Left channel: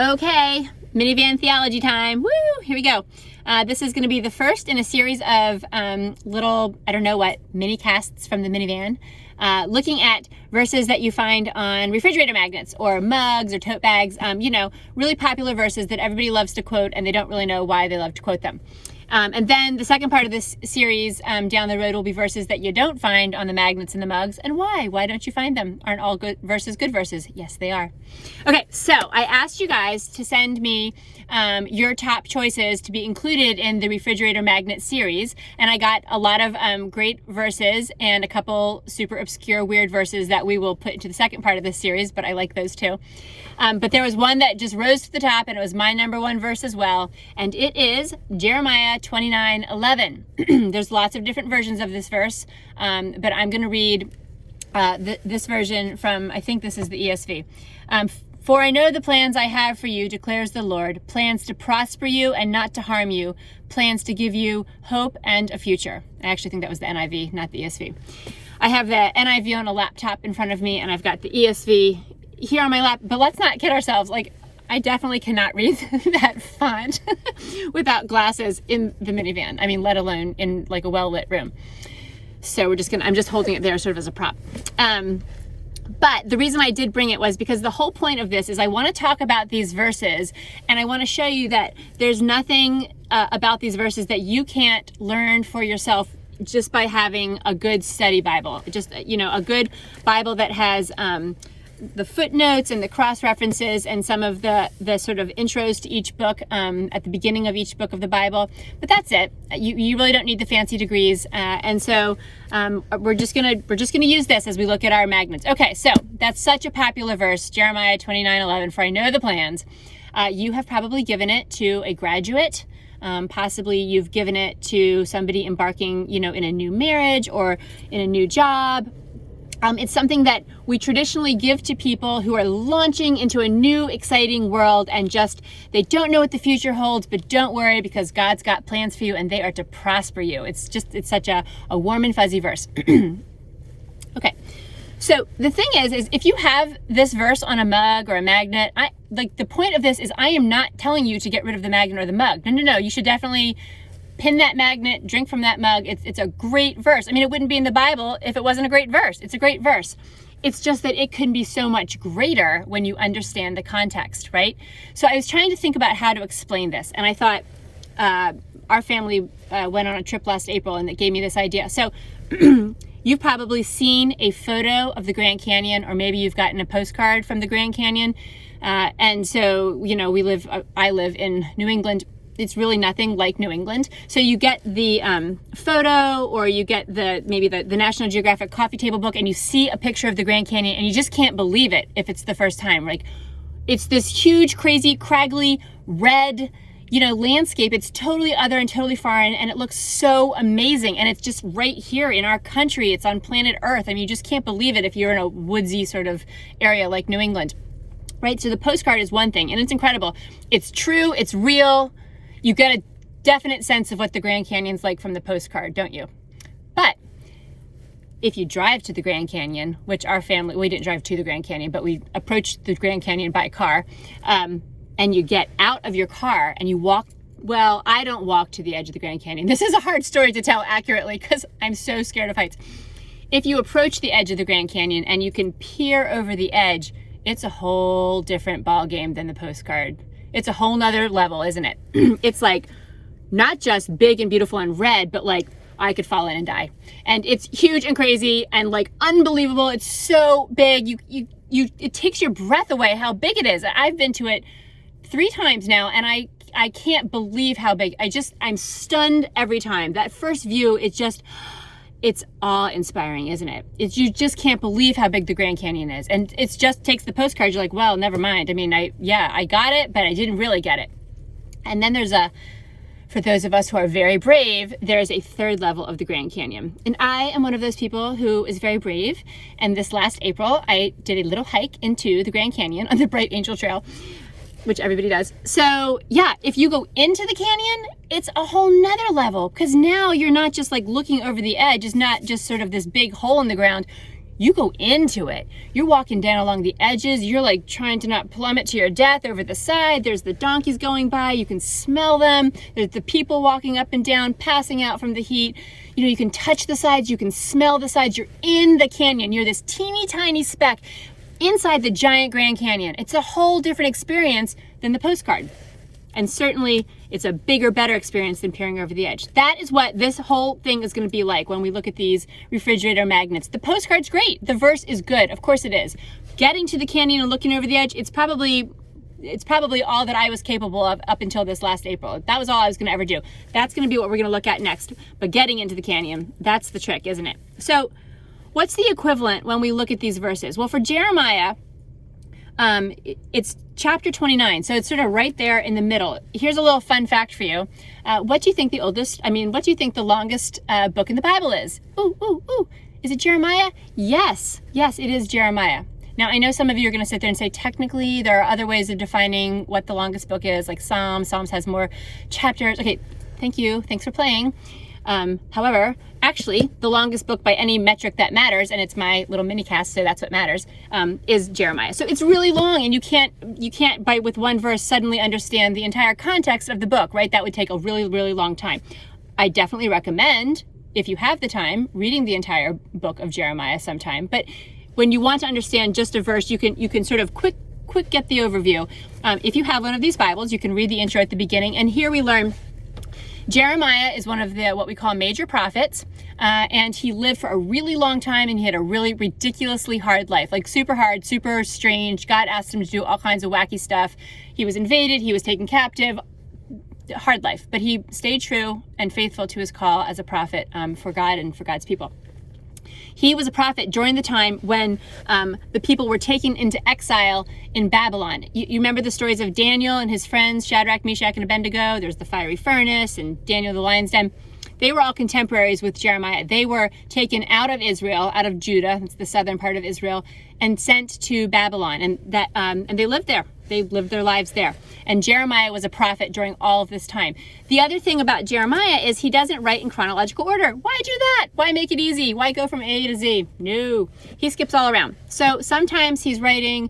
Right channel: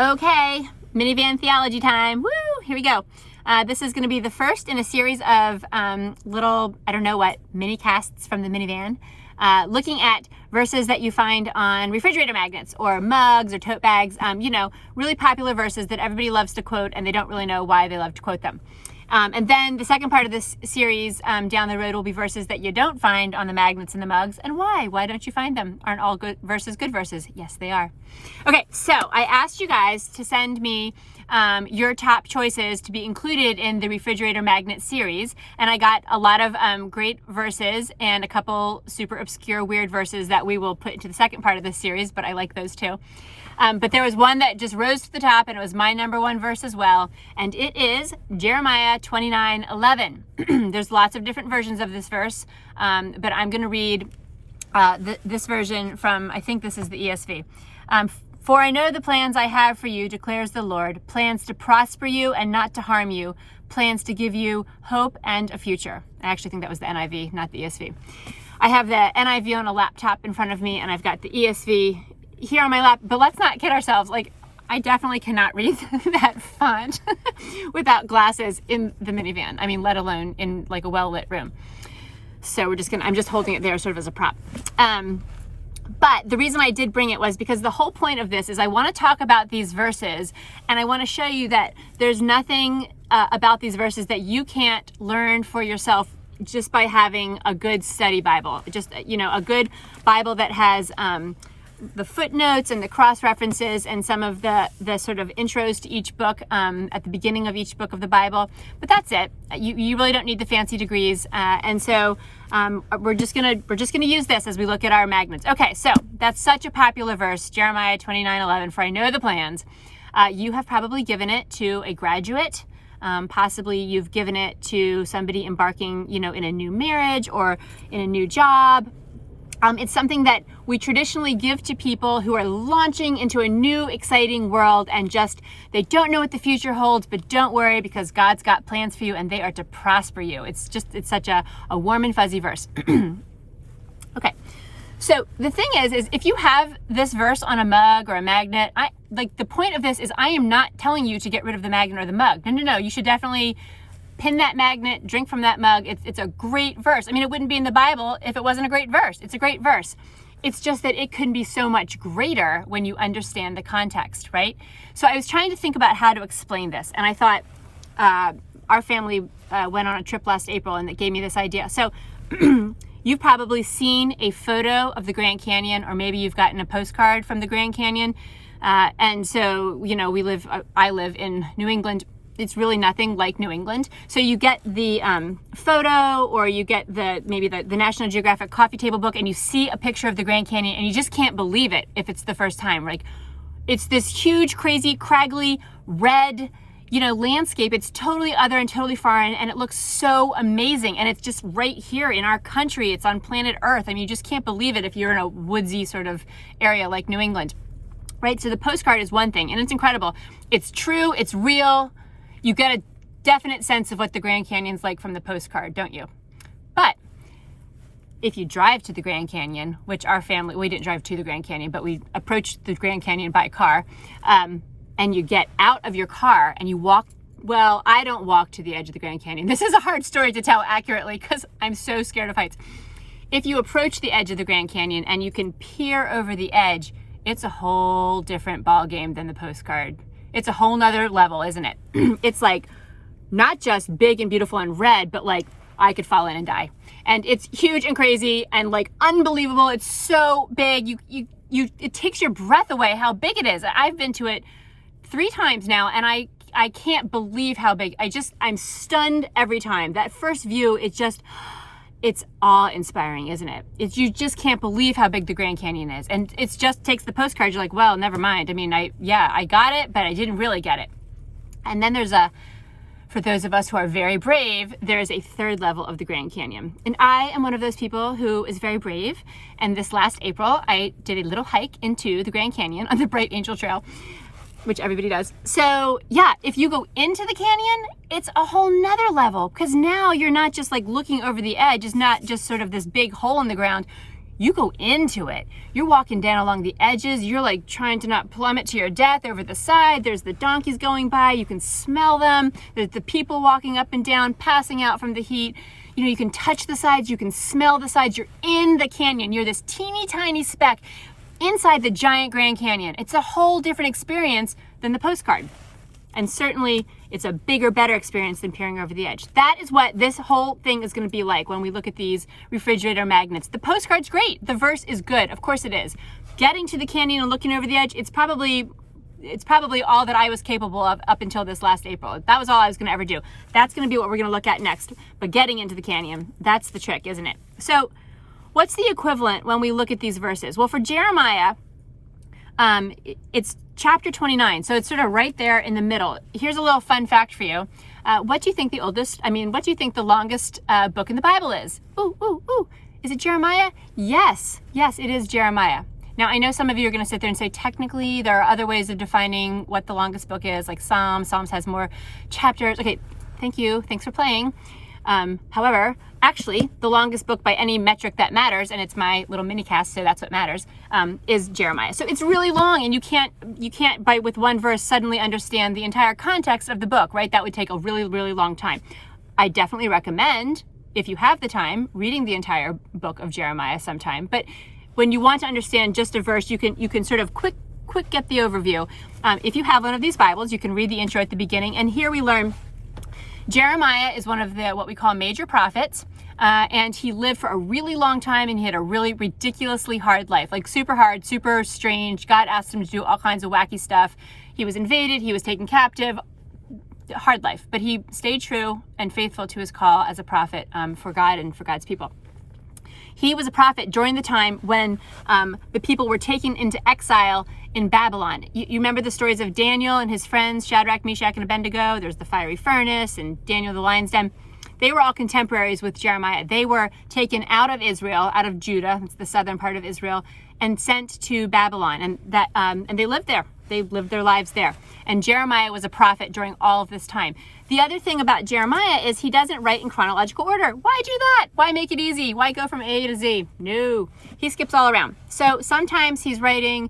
Okay, minivan theology time. Woo! Here we go. This is going to be the first in a series of little, I don't know what, mini casts from the minivan, looking at verses that you find on refrigerator magnets or mugs or tote bags, really popular verses that everybody loves to quote and they don't really know why they love to quote them. And then the second part of this series down the road will be verses that you don't find on the magnets and the mugs. And why? Why don't you find them? Aren't all good verses good verses? Yes, they are. Okay, so I asked you guys to send me your top choices to be included in the refrigerator magnet series. And I got a lot of great verses and a couple super obscure weird verses that we will put into the second part of this series, but I like those too. But there was one that just rose to the top, and it was my number one verse as well, and it is Jeremiah 29:11. There's lots of different versions of this verse, but I'm going to read this version from, I think this is the ESV. For I know the plans I have for you, declares the Lord, plans to prosper you and not to harm you, plans to give you hope and a future. I actually think that was the NIV, not the ESV. I have the NIV on a laptop in front of me, and I've got the ESV here on my lap, but let's not kid ourselves. Like, I definitely cannot read that font without glasses in the minivan. I mean, let alone in like a well-lit room. So I'm just holding it there sort of as a prop. But the reason I did bring it was because the whole point of this is I want to talk about these verses, and I want to show you that there's nothing about these verses that you can't learn for yourself just by having a good study Bible. Just, a good Bible that has the footnotes and the cross references and some of the sort of intros to each book at the beginning of each book of the Bible. But that's it. You really don't need the fancy degrees. And so we're just gonna use this as we look at our magnets. Okay, so that's such a popular verse, Jeremiah 29:11. For I know the plans. You have probably given it to a graduate. Possibly you've given it to somebody embarking, in a new marriage or in a new job. It's something that we traditionally give to people who are launching into a new, exciting world and they don't know what the future holds, but don't worry because God's got plans for you and they are to prosper you. It's such a warm and fuzzy verse. Okay. So the thing is if you have this verse on a mug or a magnet, the point of this is I am not telling you to get rid of the magnet or the mug. No. You should definitely pin that magnet, drink from that mug. It's a great verse. I mean, it wouldn't be in the Bible if it wasn't a great verse. It's a great verse. It's just that it can be so much greater when you understand the context, right? So I was trying to think about how to explain this, and I thought our family went on a trip last April, and it gave me this idea. So you've probably seen a photo of the Grand Canyon, or maybe you've gotten a postcard from the Grand Canyon. And so, I live in New England. It's really nothing like New England. So you get the photo, or you get maybe the National Geographic coffee table book, and you see a picture of the Grand Canyon, and you just can't believe it if it's the first time. Like, it's this huge, crazy, craggly, red, landscape. It's totally other and totally foreign, and it looks so amazing. And it's just right here in our country. It's on planet Earth. I mean, you just can't believe it if you're in a woodsy sort of area like New England, right? So the postcard is one thing, and it's incredible. It's true. It's real. You get a definite sense of what the Grand Canyon's like from the postcard, don't you? But if you drive to the Grand Canyon, which our family, we didn't drive to the Grand Canyon, but we approached the Grand Canyon by car, and you get out of your car and you walk, well, I don't walk to the edge of the Grand Canyon. This is a hard story to tell accurately because I'm so scared of heights. If you approach the edge of the Grand Canyon and you can peer over the edge, it's a whole different ball game than the postcard. It's a whole nother level, isn't it? It's like not just big and beautiful and red, but like I could fall in and die. And it's huge and crazy and like unbelievable. It's so big. It takes your breath away how big it is. I've been to it 3 times now, and I can't believe how big. I'm stunned every time. That first view, it's awe-inspiring, isn't it? You just can't believe how big the Grand Canyon is. And it just takes the postcard. You're like, well, never mind. I mean, I got it, but I didn't really get it. And then for those of us who are very brave, there's a third level of the Grand Canyon. And I am one of those people who is very brave. And this last April, I did a little hike into the Grand Canyon on the Bright Angel Trail, which everybody does. So yeah, if you go into the canyon, it's a whole nother level, because now you're not just like looking over the edge. It's not just sort of this big hole in the ground. you go into it. You're walking down along the edges. You're like trying to not plummet to your death over the side. There's the donkeys going by. You can smell them. There's the people walking up and down, passing out from the heat. You know, you can touch the sides. You can smell the sides. You're in the canyon. You're this teeny tiny speck inside the giant Grand Canyon. It's a whole different experience than the postcard. And certainly it's a bigger, better experience than peering over the edge. That is what this whole thing is going to be like when we look at these refrigerator magnets. The postcard's great. The verse is good. Of course it is. Getting to the canyon and looking over the edge, it's probably all that I was capable of up until this last April. That was all I was going to ever do. That's going to be what we're going to look at next. But getting into the canyon, that's the trick, isn't it? So what's the equivalent when we look at these verses? Well, for Jeremiah, it's chapter 29, so it's sort of right there in the middle. Here's a little fun fact for you. What do you think what do you think the longest book in the Bible is? Ooh. Is it Jeremiah? Yes, it is Jeremiah. Now, I know some of you are going to sit there and say, technically, there are other ways of defining what the longest book is, like Psalms. Psalms has more chapters. Okay, thank you. Thanks for playing. However, actually, the longest book by any metric that matters, and it's my little mini cast, so that's what matters, is Jeremiah. So it's really long, and you can't with one verse suddenly understand the entire context of the book, right? That would take a really, really long time. I definitely recommend, if you have the time, reading the entire book of Jeremiah sometime. But when you want to understand just a verse, you can sort of quick get the overview. If you have one of these Bibles, you can read the intro at the beginning, and here we learn Jeremiah is one of the what we call major prophets, and he lived for a really long time, and he had a really ridiculously hard life, like super hard, super strange. God asked him to do all kinds of wacky stuff. He was invaded, he was taken captive, hard life, but he stayed true and faithful to his call as a prophet for God and for God's people. He was a prophet during the time when the people were taken into exile in Babylon. You remember the stories of Daniel and his friends, Shadrach, Meshach, and Abednego. There's the fiery furnace and Daniel the lion's den. They were all contemporaries with Jeremiah. They were taken out of Israel, out of Judah, it's the southern part of Israel, and sent to Babylon. And they lived there. They lived their lives there. And Jeremiah was a prophet during all of this time. The other thing about Jeremiah is he doesn't write in chronological order. Why do that? Why make it easy? Why go from A to Z? No, he skips all around. So sometimes he's writing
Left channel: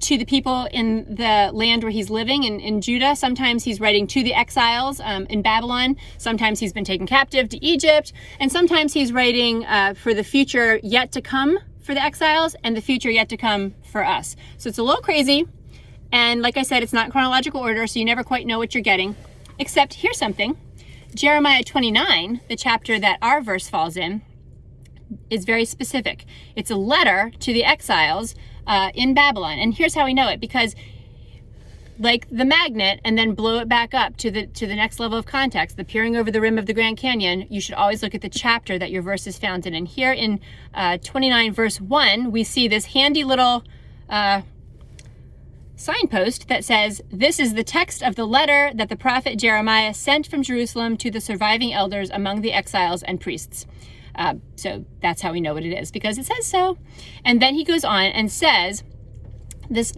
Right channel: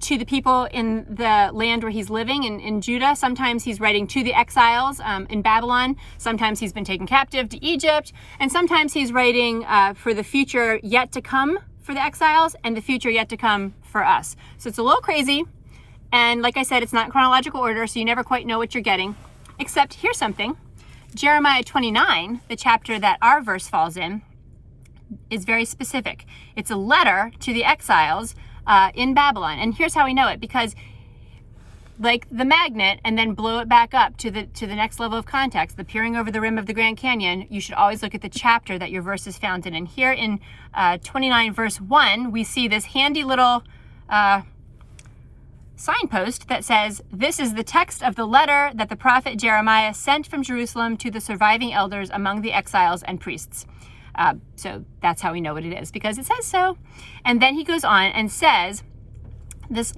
to the people in the land where he's living in Judah. Sometimes he's writing to the exiles in Babylon. Sometimes he's been taken captive to Egypt. And sometimes he's writing for the future yet to come for the exiles and the future yet to come for us. So it's a little crazy. And like I said, it's not in chronological order, so you never quite know what you're getting. Except here's something. Jeremiah 29, the chapter that our verse falls in, is very specific. It's a letter to the exiles in Babylon. And here's how we know it, because like the magnet and then blow it back up to the next level of context, the peering over the rim of the Grand Canyon, you should always look at the chapter that your verse is found in. And here in 29 verse 1, we see this handy little signpost that says, "This is the text of the letter that the prophet Jeremiah sent from Jerusalem to the surviving elders among the exiles and priests." So that's how we know what it is, because it says so. And then he goes on and says,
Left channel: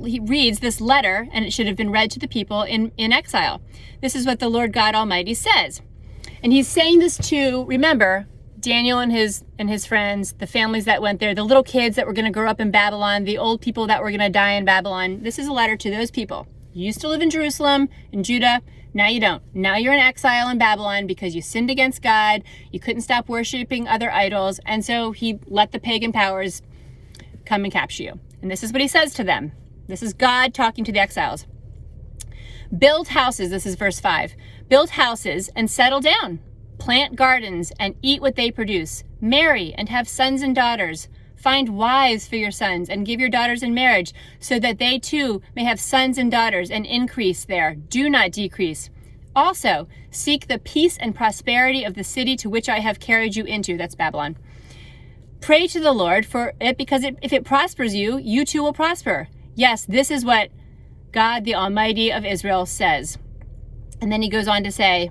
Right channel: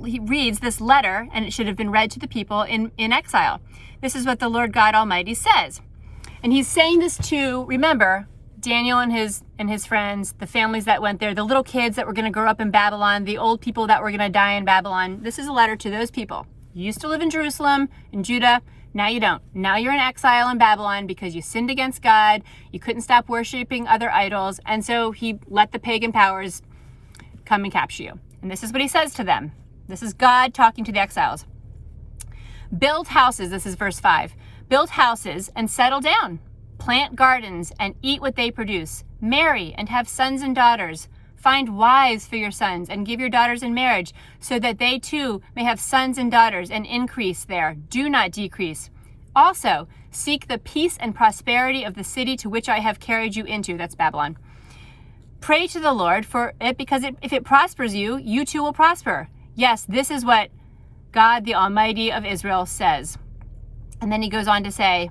he reads this letter, and it should have been read to the people in exile. This is what the Lord God Almighty says. And he's saying this to, remember, Daniel and his friends, the families that went there, the little kids that were going to grow up in Babylon, the old people that were going to die in Babylon. This is a letter to those people. You used to live in Jerusalem, in Judah. Now you don't. Now you're in exile in Babylon because you sinned against God. You couldn't stop worshiping other idols. And so he let the pagan powers come and capture you. And this is what he says to them. This is God talking to the exiles. Build houses, this is verse 5. Build houses and settle down. Plant gardens and eat what they produce. Marry and have sons and daughters. Find wives for your sons and give your daughters in marriage, so that they too may have sons and daughters, and increase there. Do not decrease. Also, seek the peace and prosperity of the city to which I have carried you into. That's Babylon. Pray to the Lord for it, because if it prospers you, you too will prosper. Yes, this is what God, the Almighty of Israel, says. And then he goes on to say,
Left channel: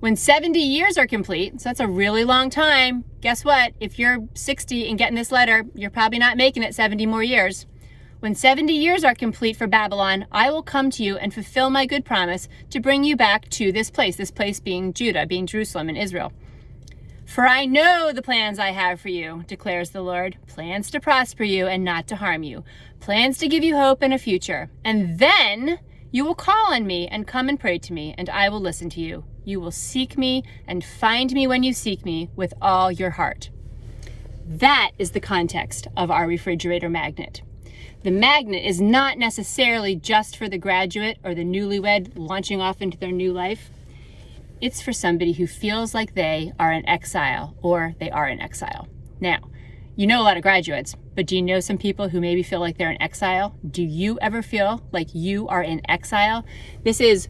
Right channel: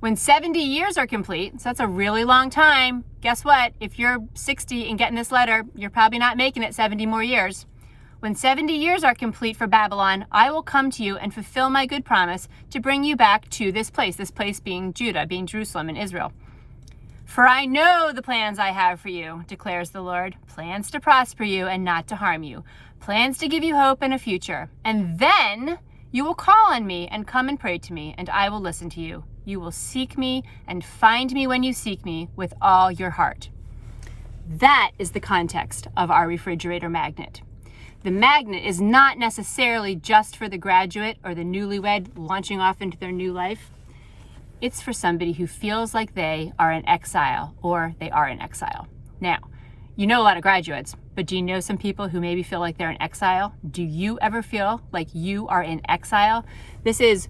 when 70 years are complete, so that's a really long time, guess what? If you're 60 and getting this letter, you're probably not making it 70 more years. When 70 years are complete for Babylon, I will come to you and fulfill my good promise to bring you back to this place being Judah, being Jerusalem and Israel. For I know the plans I have for you, declares the Lord, plans to prosper you and not to harm you, plans to give you hope and a future. And then you will call on me and come and pray to me, and I will listen to you. You will seek me and find me when you seek me with all your heart. That is the context of our refrigerator magnet. The magnet is not necessarily just for the graduate or the newlywed launching off into their new life. It's for somebody who feels like they are in exile or they are in exile. Now, you know a lot of graduates, but do you know some people who maybe feel like they're in exile? Do you ever feel like you are in exile? This is,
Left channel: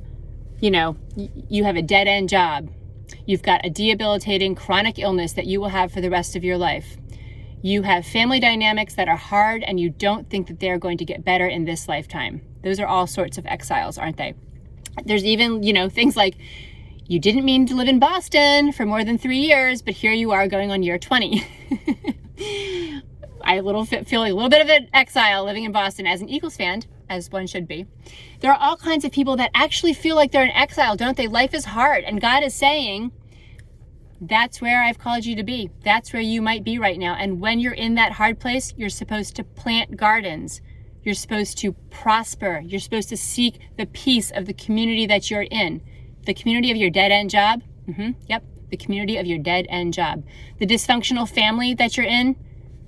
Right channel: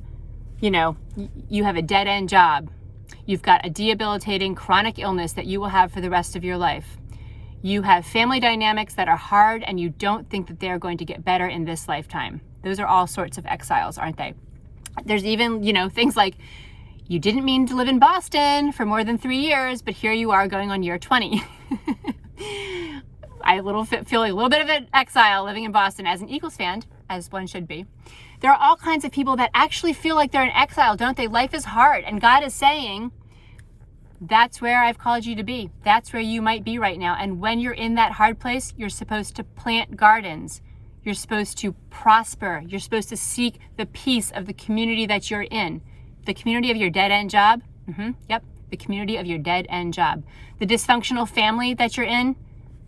you have a dead-end job. You've got a debilitating chronic illness that you will have for the rest of your life. You have family dynamics that are hard and you don't think that they're going to get better in this lifetime. Those are all sorts of exiles, aren't they? There's even, things like you didn't mean to live in Boston for more than 3 years, but here you are going on year 20. I feel a little bit of an exile living in Boston as an Eagles fan, as one should be. There are all kinds of people that actually feel like they're in exile, don't they? Life is hard, and God is saying, that's where I've called you to be. That's where you might be right now. And when you're in that hard place, you're supposed to plant gardens. You're supposed to prosper. You're supposed to seek the peace of the community that you're in. The community of your dead-end job. Yep, the community of your dead-end job. The dysfunctional family that you're in.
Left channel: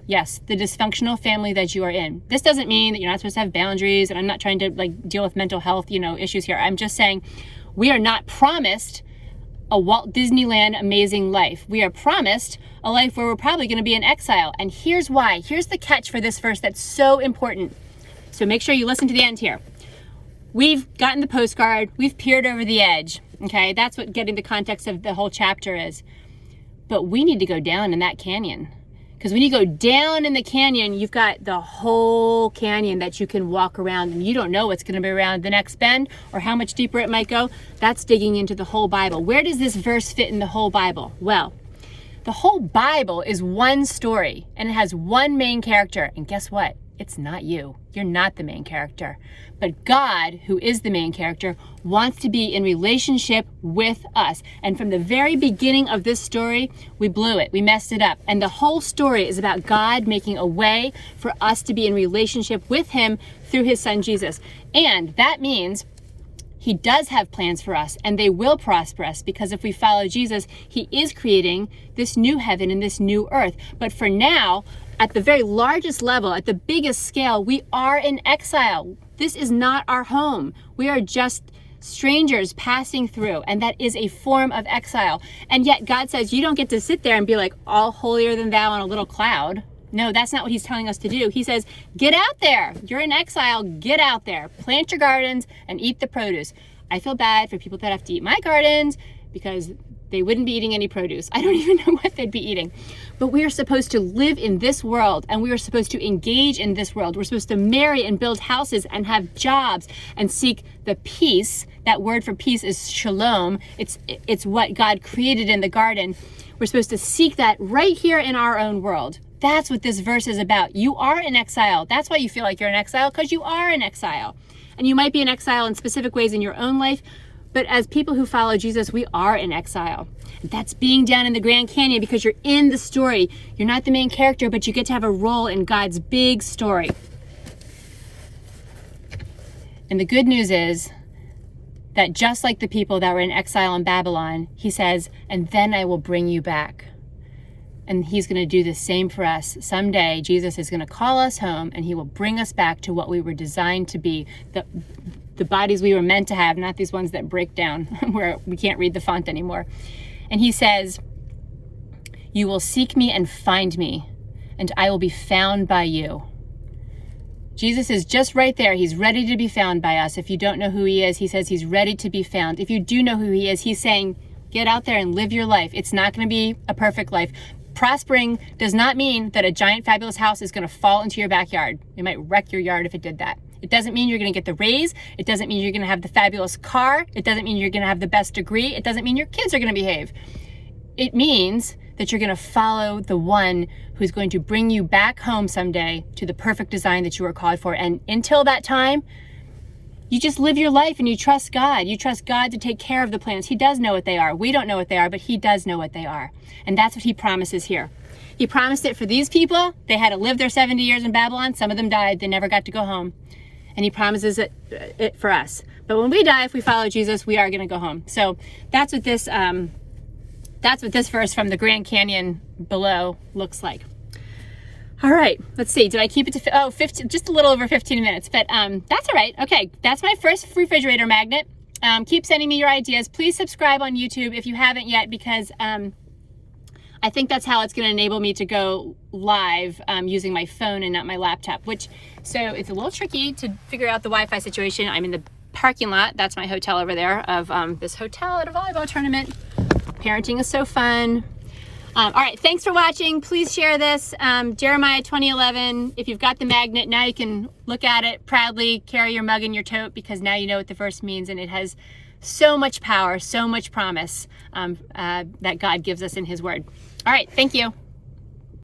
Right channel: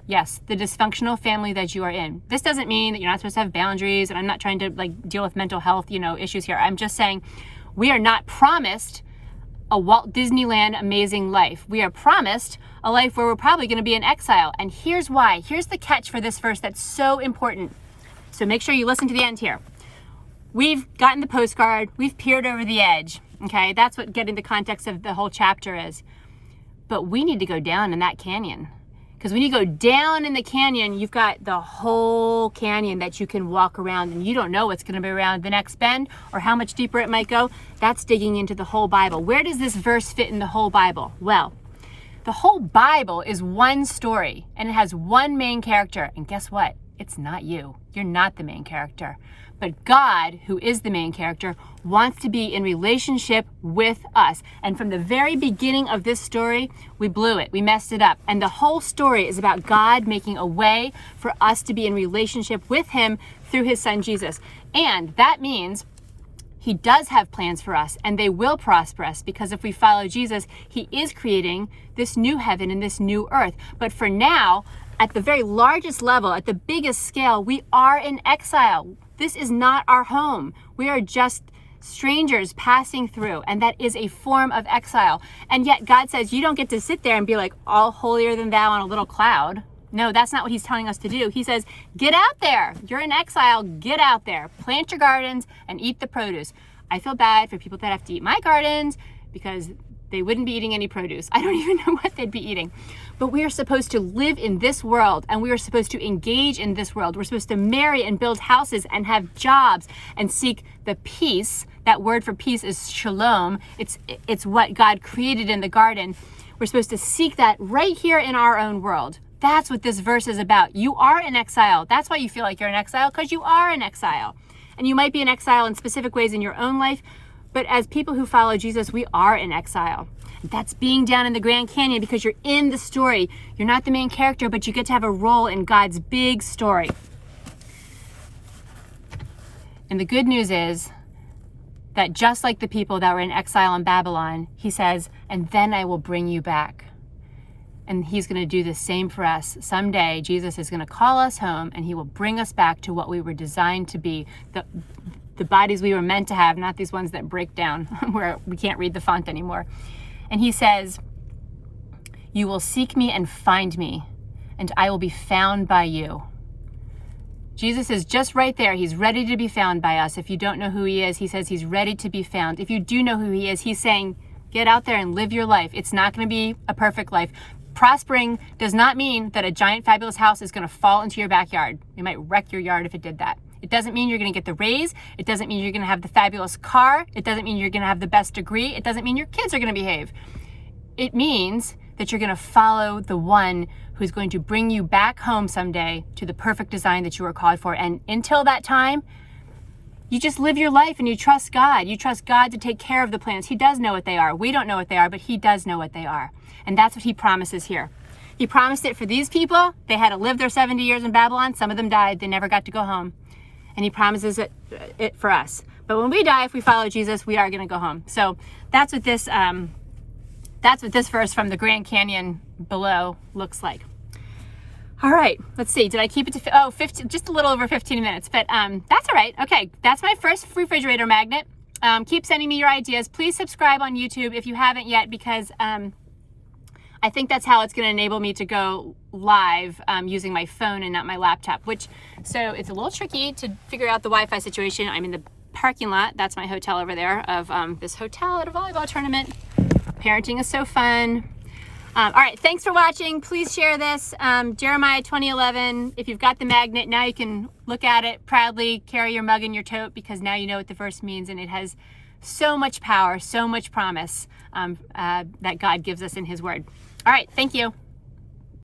Yes, the dysfunctional family that you are in. This doesn't mean that you're not supposed to have boundaries, and I'm not trying to deal with mental health, issues here. I'm just saying we are not promised a Walt Disneyland amazing life. We are promised a life where we're probably going to be in exile. And here's why. Here's the catch for this verse that's so important. So make sure you listen to the end here. We've gotten the postcard. We've peered over the edge. Okay, that's what getting the context of the whole chapter is. But we need to go down in that canyon. Because when you go down in the canyon, you've got the whole canyon that you can walk around, and you don't know what's going to be around the next bend or how much deeper it might go. That's digging into the whole Bible. Where does this verse fit in the whole Bible? Well, the whole Bible is one story, and it has one main character. And guess what? It's not you. You're not the main character. But God, who is the main character, wants to be in relationship with us. And from the very beginning of this story, we blew it. We messed it up. And the whole story is about God making a way for us to be in relationship with him through his son, Jesus. And that means he does have plans for us, and they will prosper us, because if we follow Jesus, he is creating this new heaven and this new earth. But for now, at the very largest level, at the biggest scale, we are in exile. This is not our home. We are just strangers passing through, and that is a form of exile. And yet God says you don't get to sit there and be like all holier than thou on a little cloud. No, that's not what he's telling us to do. He says, get out there. You're in exile. Get out there. Plant your gardens and eat the produce. I feel bad for people that have to eat my gardens because they wouldn't be eating any produce. I don't even know what they'd be eating. But we are supposed to live in this world, and we are supposed to engage in this world. We're supposed to marry and build houses and have jobs and seek the peace. That word for peace is shalom. It's what God created in the garden. We're supposed to seek that right here in our own world. That's what this verse is about. You are in exile. That's why you feel like you're in exile, because you are in exile. And you might be in exile in specific ways in your own life, but as people who follow Jesus, we are in exile. That's being down in the Grand Canyon because you're in the story. You're not the main character, but you get to have a role in God's big story. And the good news is that just like the people that were in exile in Babylon, he says, and then I will bring you back. And he's going to do the same for us. Someday, Jesus is going to call us home, and he will bring us back to what we were designed to be, the bodies we were meant to have, not these ones that break down where we can't read the font anymore. And he says, you will seek me and find me, and I will be found by you. Jesus is just right there. He's ready to be found by us. If you don't know who he is, he says he's ready to be found. If you do know who he is, he's saying, get out there and live your life. It's not going to be a perfect life. Prospering does not mean that a giant fabulous house is going to fall into your backyard. It might wreck your yard if it did that. It doesn't mean you're going to get the raise. It doesn't mean you're going to have the fabulous car. It doesn't mean you're going to have the best degree. It doesn't mean your kids are going to behave. It means that you're going to follow the one who's going to bring you back home someday to the perfect design that you were called for. And until that time, you just live your life and you trust God. You trust God to take care of the plans. He does know what they are. We don't know what they are, but he does know what they are. And that's what he promises here. He promised it for these people. They had to live their 70 years in Babylon. Some of them died. They never got to go home. And he promises it for us. But when we die, if we follow Jesus, we are going to go home. So that's what this verse from the Grand Canyon below looks like. All right, let's see. Did I keep it to 15, just a little over 15 minutes? But that's all right. Okay, that's my first refrigerator magnet. Keep sending me your ideas. Please subscribe on YouTube if you haven't yet, because I think that's how it's going to enable me to go live using my phone and not my laptop, so it's a little tricky to figure out the Wi-Fi situation. I'm in the parking lot. That's my hotel over there of this hotel at a volleyball tournament. Parenting is so fun. All right, thanks for watching. Please share this. Jeremiah 20:11. If you've got the magnet, now you can look at it proudly, carry your mug in your tote, because now you know what the verse means, and it has so much power, so much promise that God gives us in his word. All right, thank you.